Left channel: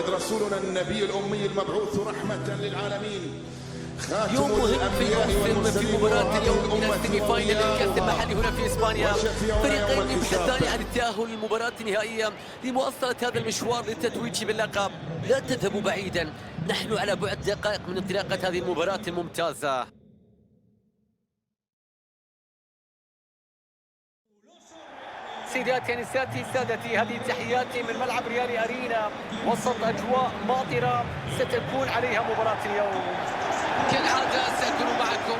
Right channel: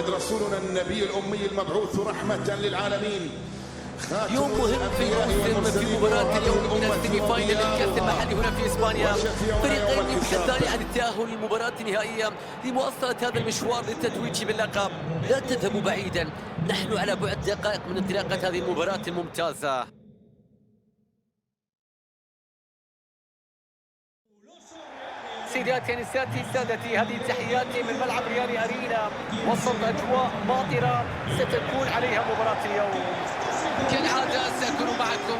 محمد رسولنا النبي الأمي المبعوث رحمة للعالمين، يوم مهم في الموسم في مباراة اليوم من السيمي فاينل للكأس المحلي هنا في إسبانيا. فريقين يبحثان عن التأهل للمباراة النهائية لمواصلة هذا المشوار للتتويج باللقب. لا تذهبوا بعيدا، نحن على بعد دقائق من انطلاقة هذه المباراة الممتازة. سيداتي أنساتي سادتي، هذه تحياتي من ملعب ريال أرينا وسط أجواء ماطرة ستكون عليها مباراة اليوم. كالعادة سأكون معكم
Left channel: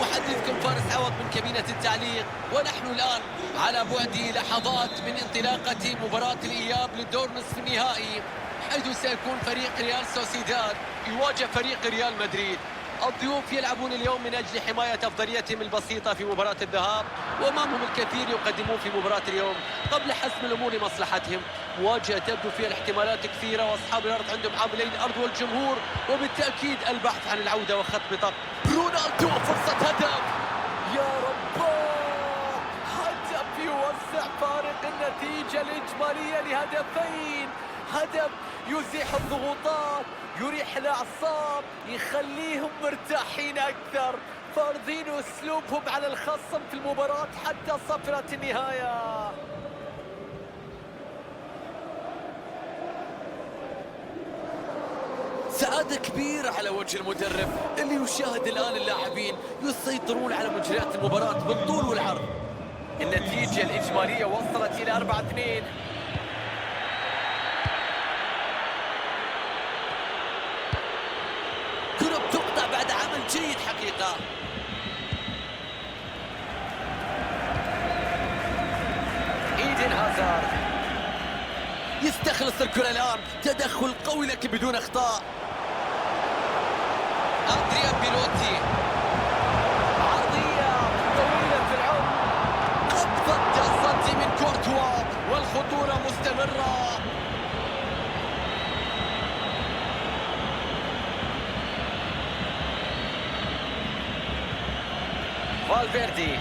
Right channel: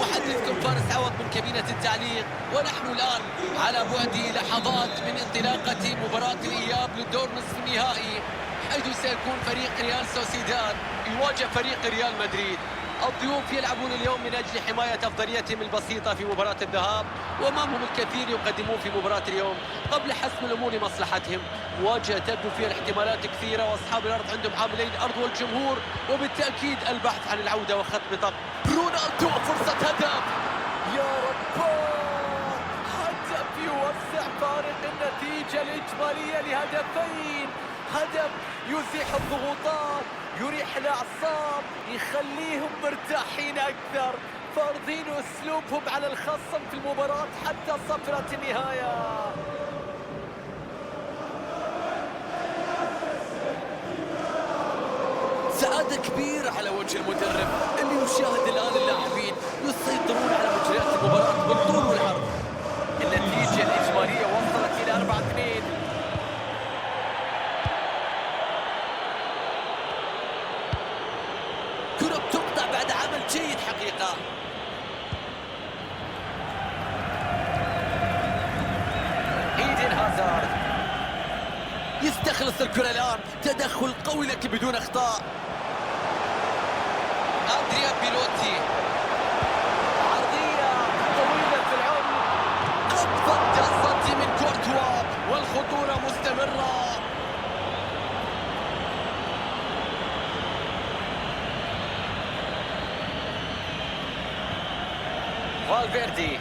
محدثكم فارس عوض من كابينة التعليق، ونحن الآن على بعد لحظات من انطلاقة مباراة الإياب للدور نصف النهائي، حيث سيكون فريق ريال سوسيداد يواجه فريق ريال مدريد. الضيوف يلعبون اليوم من أجل حماية أفضليتهم البسيطة في مباراة الذهاب، وأمامهم الكثير يقدمون في مباراة اليوم قبل حسم الأمور لمصلحتهم. مواجهة تبدو فيها الاحتمالات كثيرة، وأصحاب الأرض عندهم عاملي الأرض والجمهور، وبالتأكيد البحث عن العودة وخط بطاق. رونالدو فرصة هدف، يا رب، هدف يوسع فارق النتيجة الإجمالية لهدفين. هدف يزيح الضغوطات، يريح الأعصاب، يخليهم مرتاحين أكثر، فارضين أسلوبهم على الخصم في المباراة حتى صفرة النهاية. سعادة كبيرة على وجه المدرب اللي يشاهد الآن اللاعبين يسيطرون على مجريات المباراة بالطول والعرض. النتيجة الإجمالية وصلت إلى 4-2. كرة بتقطع بعد عمل جيد حقيقة. إيدن هازارد يستخلص الكرة الآن، تدخل قوي لكن بدون أخطاء. أندريا بيلوتي، عرضية طويلة في العمق، قبضة تصدي من كورتوا والخطورة مستمرة. فالفيردي،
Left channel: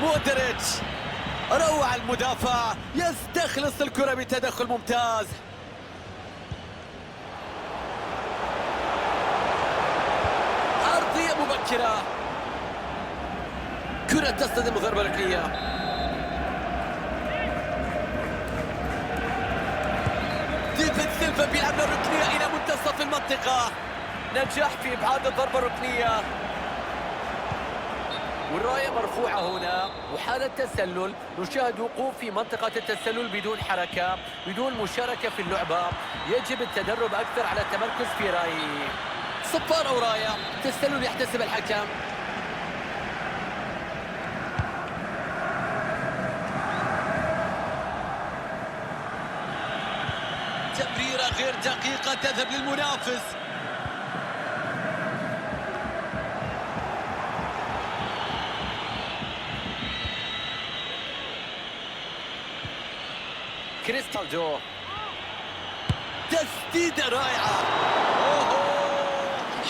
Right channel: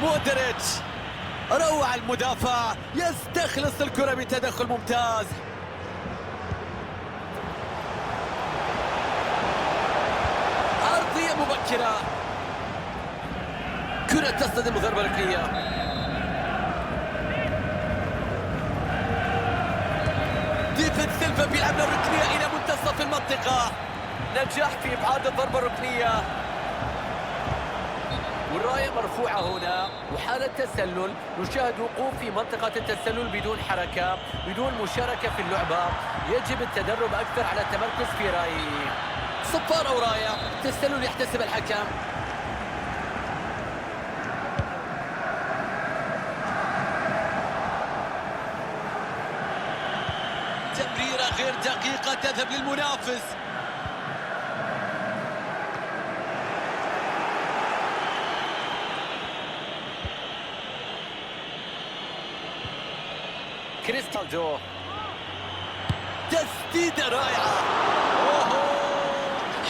مودريتش، روع المدافع، يستخلص الكرة بتدخل ممتاز. عرضية مبكرة، كرة تصطدم ضربة ركنية. ديفيد سيلفا بيلعب الركنية إلى منتصف المنطقة، نجح في إبعاد الضربة الركنية، والراية مرفوعة هنا وحالة تسلل. نشاهد وقوف في منطقة التسلل بدون حركة، بدون مشاركة في اللعبة. يجب التدرب أكثر على التمركز في رايه. صفارة وراية، تسلل يحتسب الحكم. تمريرة غير دقيقة تذهب للمنافس. كريستالدو، تسديدة رائعة.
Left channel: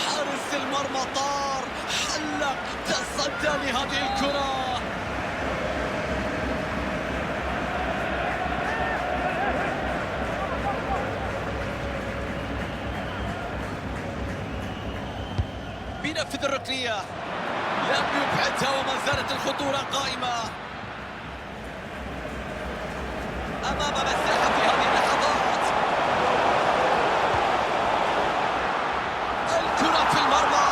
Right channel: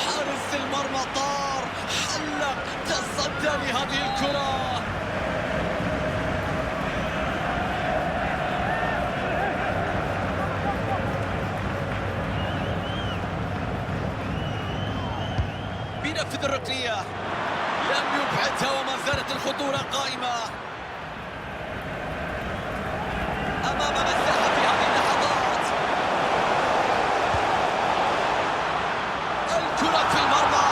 حارس المرمى طار، حلق، تصدى لهذه الكرة. بينفذ الركنية، لم يبعدها وما زالت الخطورة قائمة. أمام مساحة في هذه اللحظات، الكرة في المرمى،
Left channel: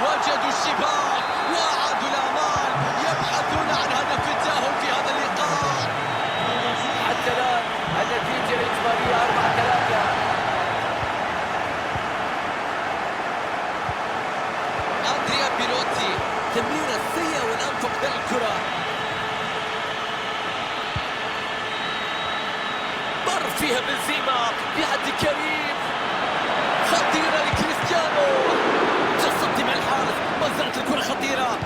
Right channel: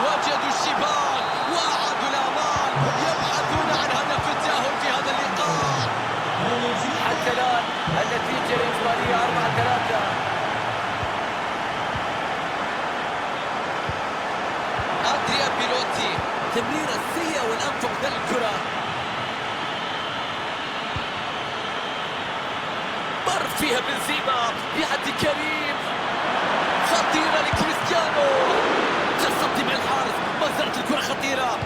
وجدوا الشباك وأعادوا الآمال، يبحثون عن هدف التأهل في هذا اللقاء. حتى الآن النتيجة الإجمالية 4-3. أندريا بيلوتي، تمريرة سيئة والآن فقدان الكرة. مر فيها بنزيما بعد كريم، خطيرة لكريستيانو، تصدي من الحارس، ما زالت الكرة خطيرة.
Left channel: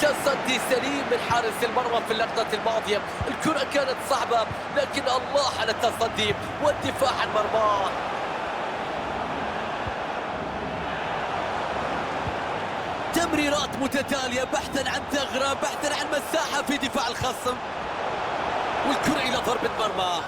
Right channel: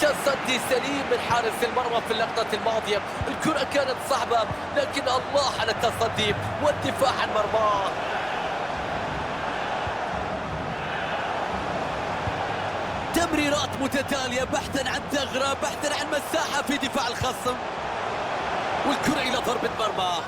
تصدي سليم من حارس المرمى في اللقطة الماضية. الكرة كانت صعبة لكن الله على التصدي والدفاع عن مرماه. تمريرات متتالية بحثا عن ثغرة، بحثا عن مساحة في دفاع الخصم. والكرة إلى ضربة مرمى.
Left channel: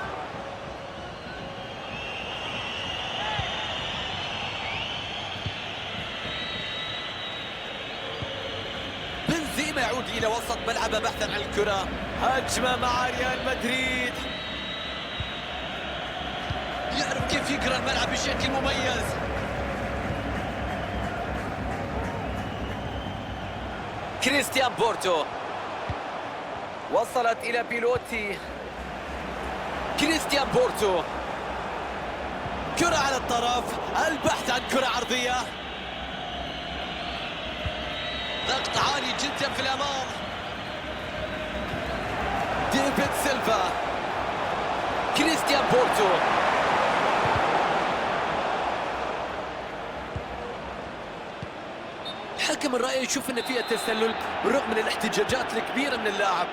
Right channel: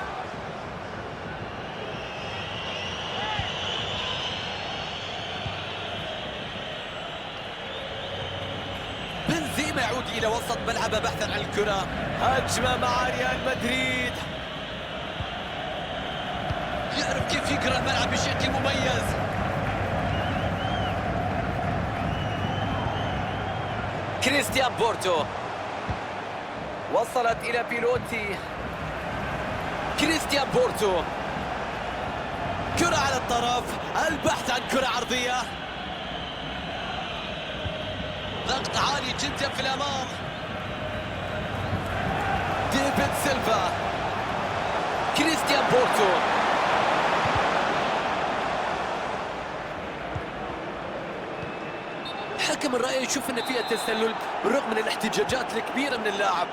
بنزيما يعود إلى وسط ملعبه بحثا عن الكرة. هجمة مع ريال مدريد، يعرف كيف يقرأ الملعب بشكل مميز. كريستيان بورتو، وصلت إلى بيلوتي. كريستيان بورتو، كرة على الطرف، البحث عن كرة عرضية، ضغط عالي جدا في الأمام. ديفيد سيلفا، كريستيان بورتو، حكم الرأي يشوف ان فيها تسلل بالرغم من الاحتجاجات الكبيرة من اللاعب.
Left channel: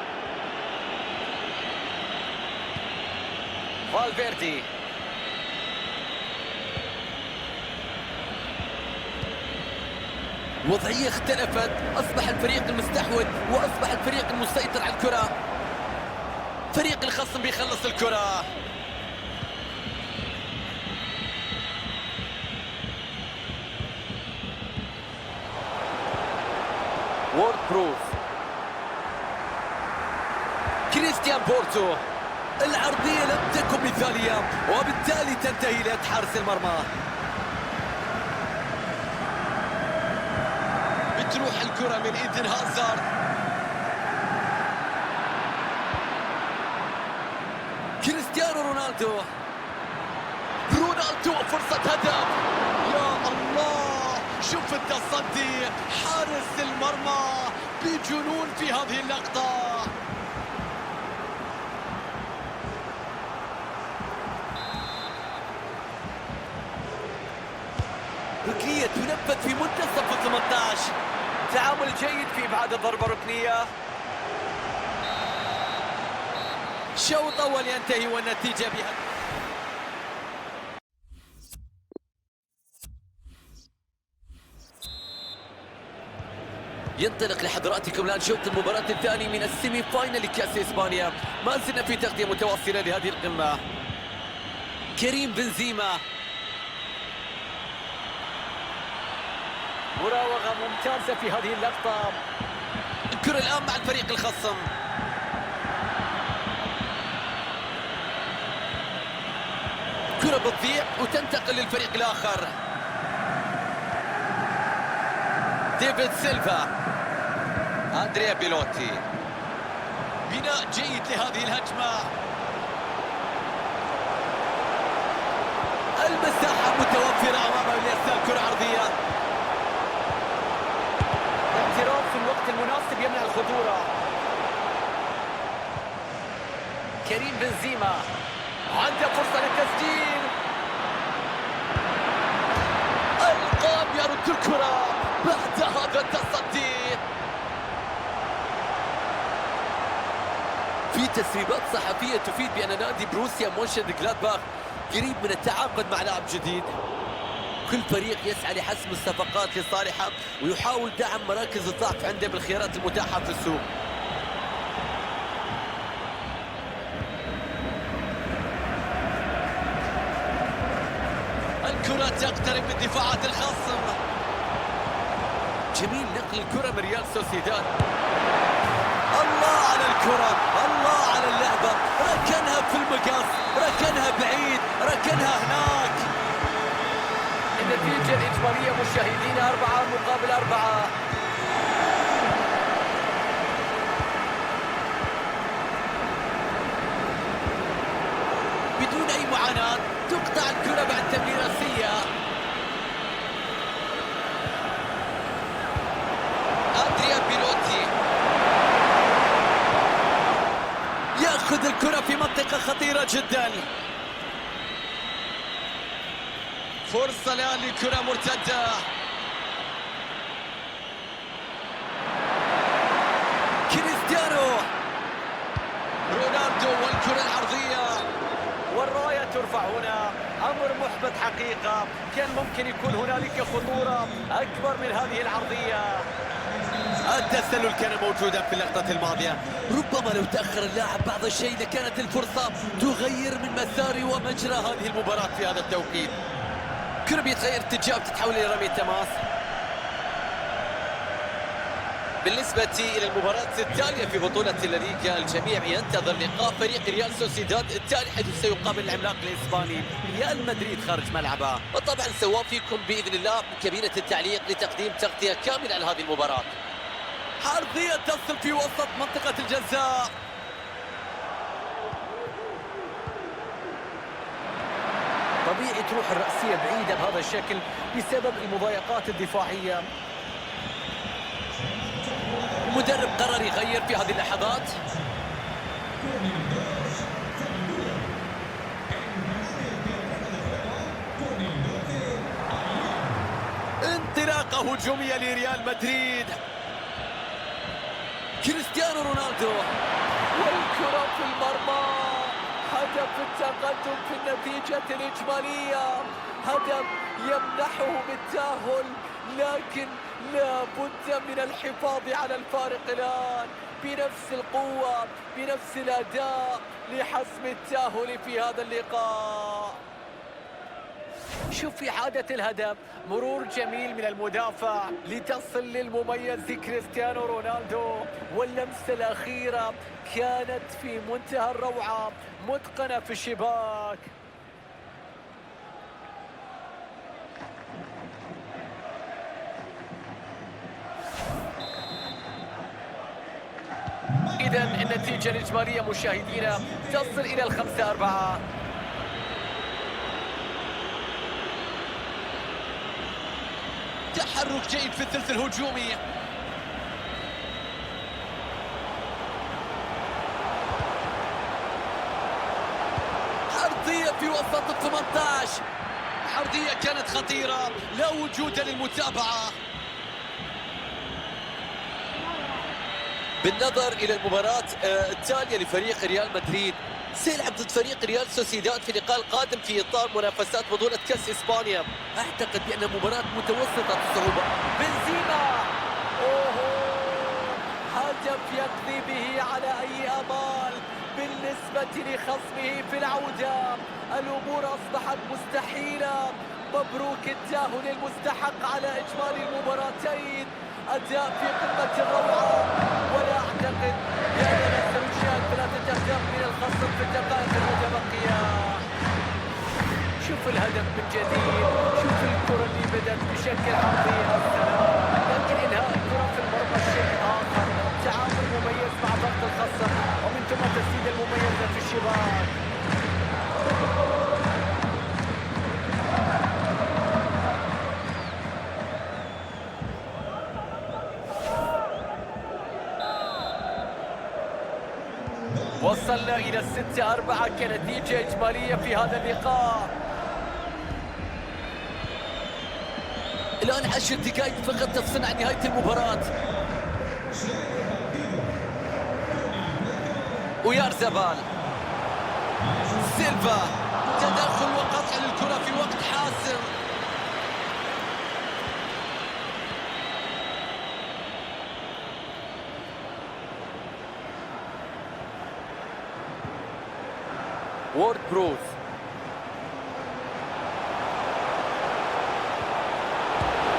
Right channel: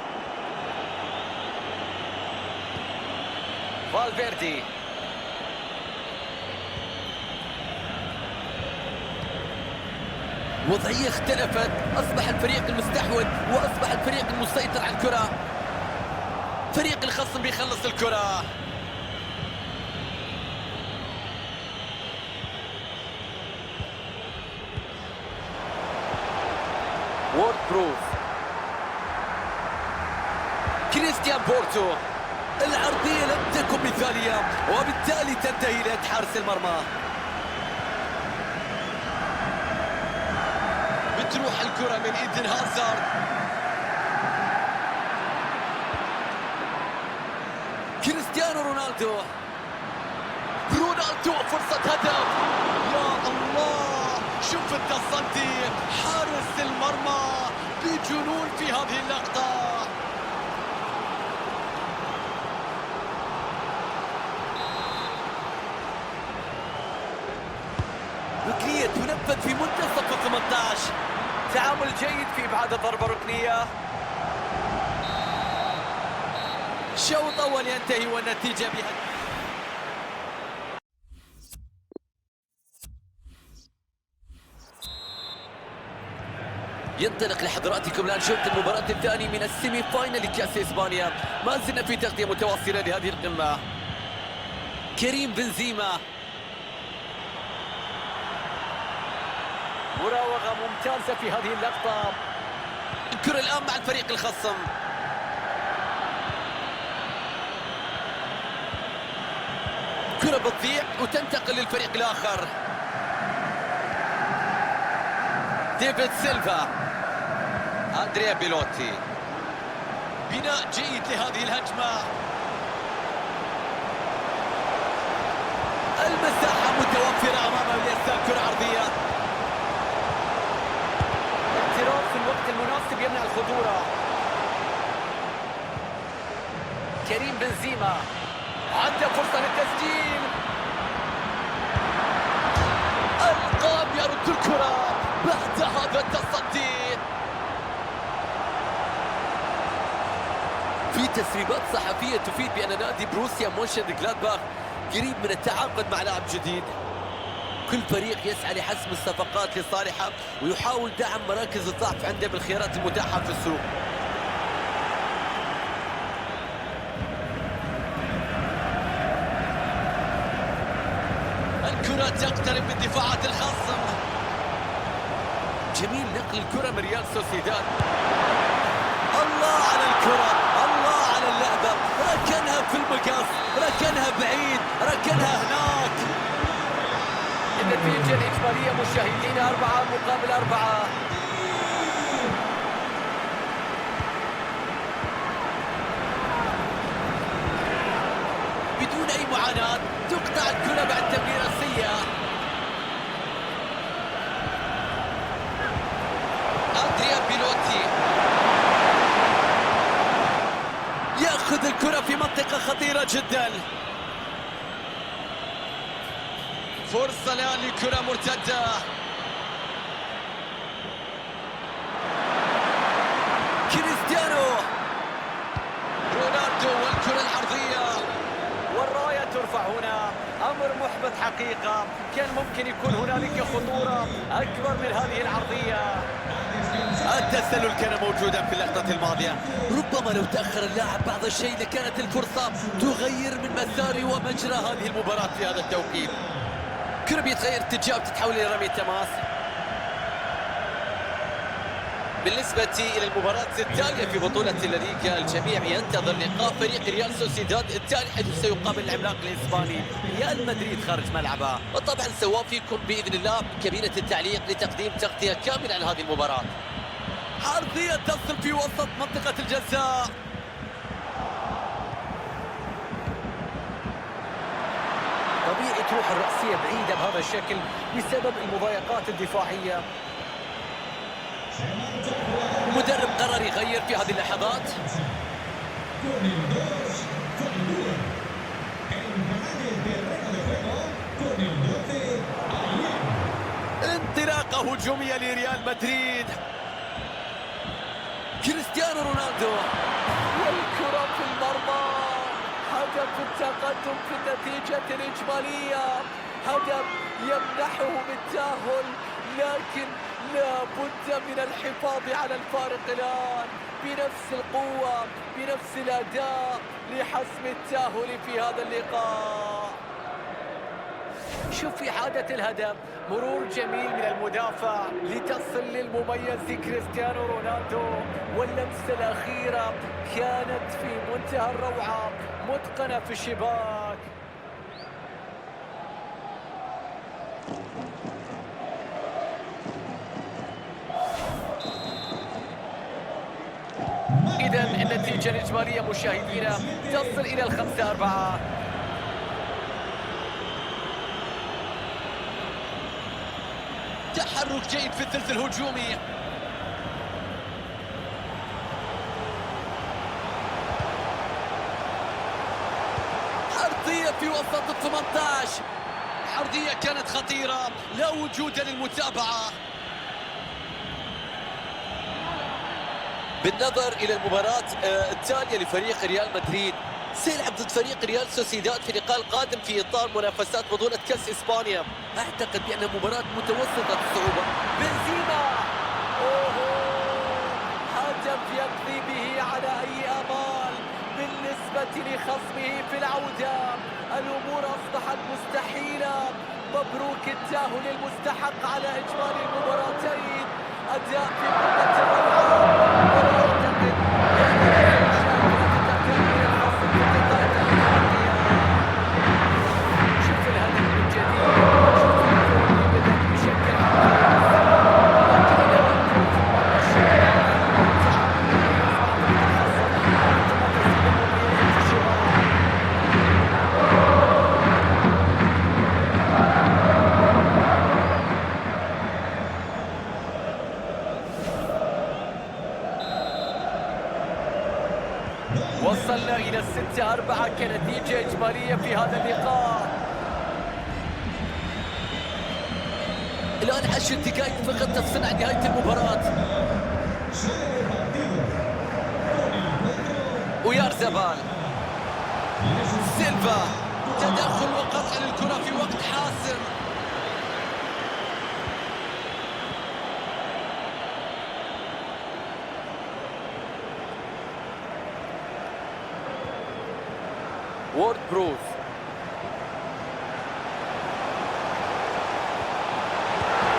فالفيردي، وضعية اختلفت، أصبح الفريق المستحوذ وأصبح الفريق المسيطر على الكرة. فريق الخصم بيخلص الكرة. وورد بروف، كريستيان بورتو، العرضية لم تكن مثالية وبالتالي تنتهي ليد حارس المرمى. بتروح الكرة من إيدن هازارد. كريستيانو رونالدو، رونالدو فرصة هدف. يا الله، شوف التصدي، حارس المرمى بجنون في هذه اللقطة. ركنية تنفذ في منتصف ال 18. تعامل جيد في إبعاد الضربة الركنية. شوط أول ينتهي والنتيجة بها. ينطلق لحضراتكم الآن شوط المباراة الثاني من السيمي فاينل لكأس إسبانيا. ما زلنا في تغطية متواصلة لهذه القمة. كريم بنزيما، مراوغة ممتازة في هذه اللقطة. الكرة الآن مع الفريق الخصم. كرة بتضيع وتنتقل للفريق الآخر. ديفيد سيلفا، أندريا بيلوتي، بناء جيد لهذه الهجمة. المساحة متوفرة أمامه لإرسال كرة عرضية. اعتراض في الوقت المناسب يمنع الخطورة. كريم بنزيما عنده فرصة للتسجيل. القاب يرد الكرة بعد هذا التصدي. في تسريبات صحفية تفيد بأن نادي بروسيا مونشنغلادباخ قريب من التعاقد مع لاعب جديد. كل فريق يسعى لحسم الصفقات لصالحه ويحاول دعم مراكز الضعف عنده بالخيارات المتاحة في السوق. الكرة تقترب من دفاعات الخصم. جميل نقل الكرة من ريال سوسيداد. الله على الكرة، الله على اللعبة، ركنها في المقص، ركنها بعيد، ركنها هناك. النتيجة الإجمالية مشاهدينا 4-4. بدون أي معاناة تقطع الكرة بعد تمريرة سيئة. أندريا بيلوتي يأخذ الكرة في منطقة خطيرة جدا. فرصة الآن لكرة مرتدة. كريستيانو رونالدو والكرة العرضية، والراية ترفع هنا. أمر محبط حقيقة، كان ممكن يكون هنالك خطورة أكبر من هذه العرضية. التسلل كان موجودا في اللقطة الماضية. ربما لو تأخر اللاعب بعض الشيء لكانت الفرصة تغير من مسار ومجرى هذه المباراة في هذا التوقيت. كرة بيتغير اتجاه وتتحول إلى رمية تماس. بالنسبة إلى المباراة التالية في بطولة الليغا، الجميع ينتظر لقاء فريق ريال سوسيداد التالي، حيث سيقابل العملاق الإسباني ريال مدريد خارج ملعبه. وطبعا سوافيكم بإذن الله بكابينة التعليق لتقديم تغطية كاملة على هذه المباراة. عرضية تصل في وسط منطقة الجزاء. طبيعي تروح الرأسية بعيدة بهذا الشكل بسبب المضايقات الدفاعية. المدرب قرر يغير في هذه اللحظات. انطلاقة هجومية لريال مدريد. كريستيانو رونالدو والكرة في المرمى. هدف التقدم في النتيجة الإجمالية، هدف يمنحهم التأهل، لكن لا بد من الحفاظ على الفارق الآن بنفس القوة بنفس الأداء لحسم التأهل في هذا اللقاء. شوف في إعادة الهدف، مرور جميل من المدافع لتصل للمميز كريستيانو رونالدو، واللمسة الأخيرة كانت في منتهى الروعة، متقنة في الشباك. إذا النتيجة الإجمالية مشاهدينا تصل إلى 5-4. تحرك جيد في الثلث الهجومي. عرضية في وسط ال 18. عرضية كانت خطيرة، لا وجود للمتابعة. بالنظر إلى المباراة التالية لفريق ريال مدريد، سيلعب ضد فريق ريال سوسيداد في اللقاء القادم في إطار منافسات بطولة كأس إسبانيا. أعتقد بأنها مباراة متوسطة الصعوبة. بنزيما، هدف يقضي به على أي آمال بالنسبة لخصمه في العودة. الأمور أصبحت مستحيلة. مبروك التأهل المستحق على إجمالي المباراتين. أداء في قمة الروعة، ولا أعتقد بأننا سنشاهد ثلاثة أهداف من الخصم في الدقائق المتبقية. شوف الهدف من جديد، شوف الكرة اللي بدأت بشكل عقلي، لكن إنهاء الكرة في المرمى الشكل آخر. تعامل مميز مع ضغط الخصم، ومن ثم تسديد مميزة في الشباك. وصلنا إلى 6-4 كنتيجة إجمالية في هذا اللقاء. الآن 10 دقائق فقط تفصل عن نهاية المباراة. ويارزابال، سيلفا، تدخل وقطع للكرة في وقت حاسم. وورد بروز،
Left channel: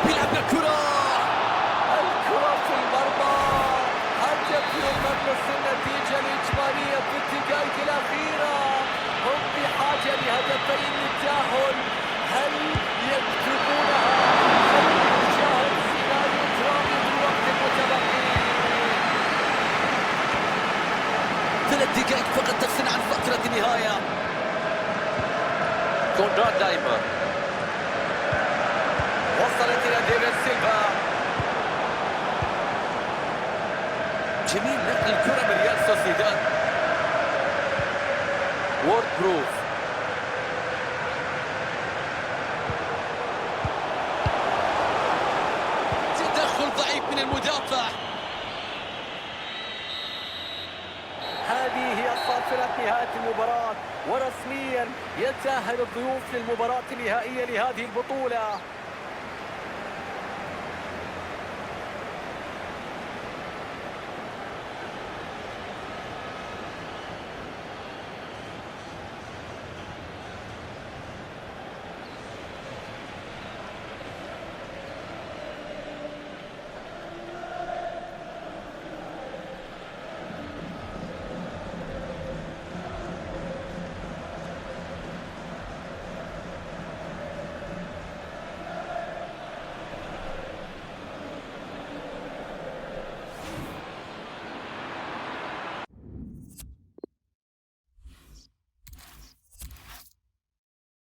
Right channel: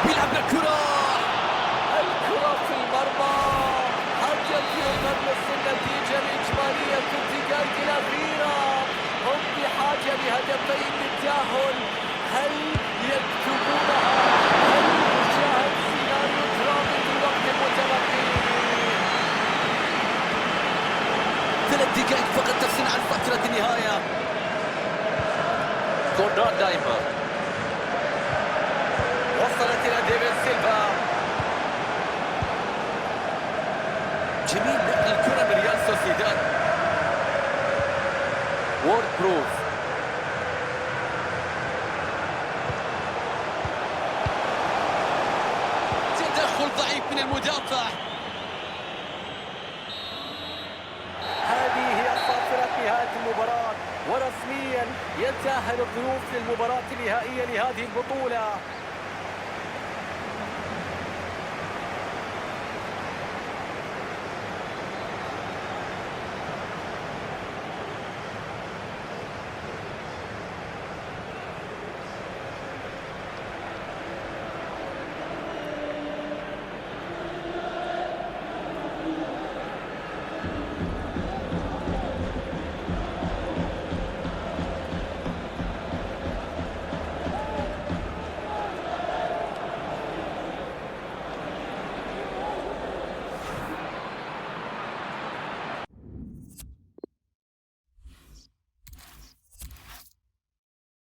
بيلعب الكرة في المرمى. هدف يقلص النتيجة الإجمالية في الدقائق الأخيرة. هم بحاجة لهدفين للتأهل. هل يكتبونها؟ هل نشاهد سيناريو درامي في الوقت المتبقي؟ 3 دقائق فقط تفصل عن فترة النهاية. كونراد دايمر، وصلت إلى ديفيد سيلفا. جميل نقل الكرة من ريال سوسيداد. وورد بروز، تدخل ضعيف من المدافع. هذه هي صافرة نهاية المباراة، ورسميا يتأهل الضيوف للمباراة النهائية لهذه البطولة.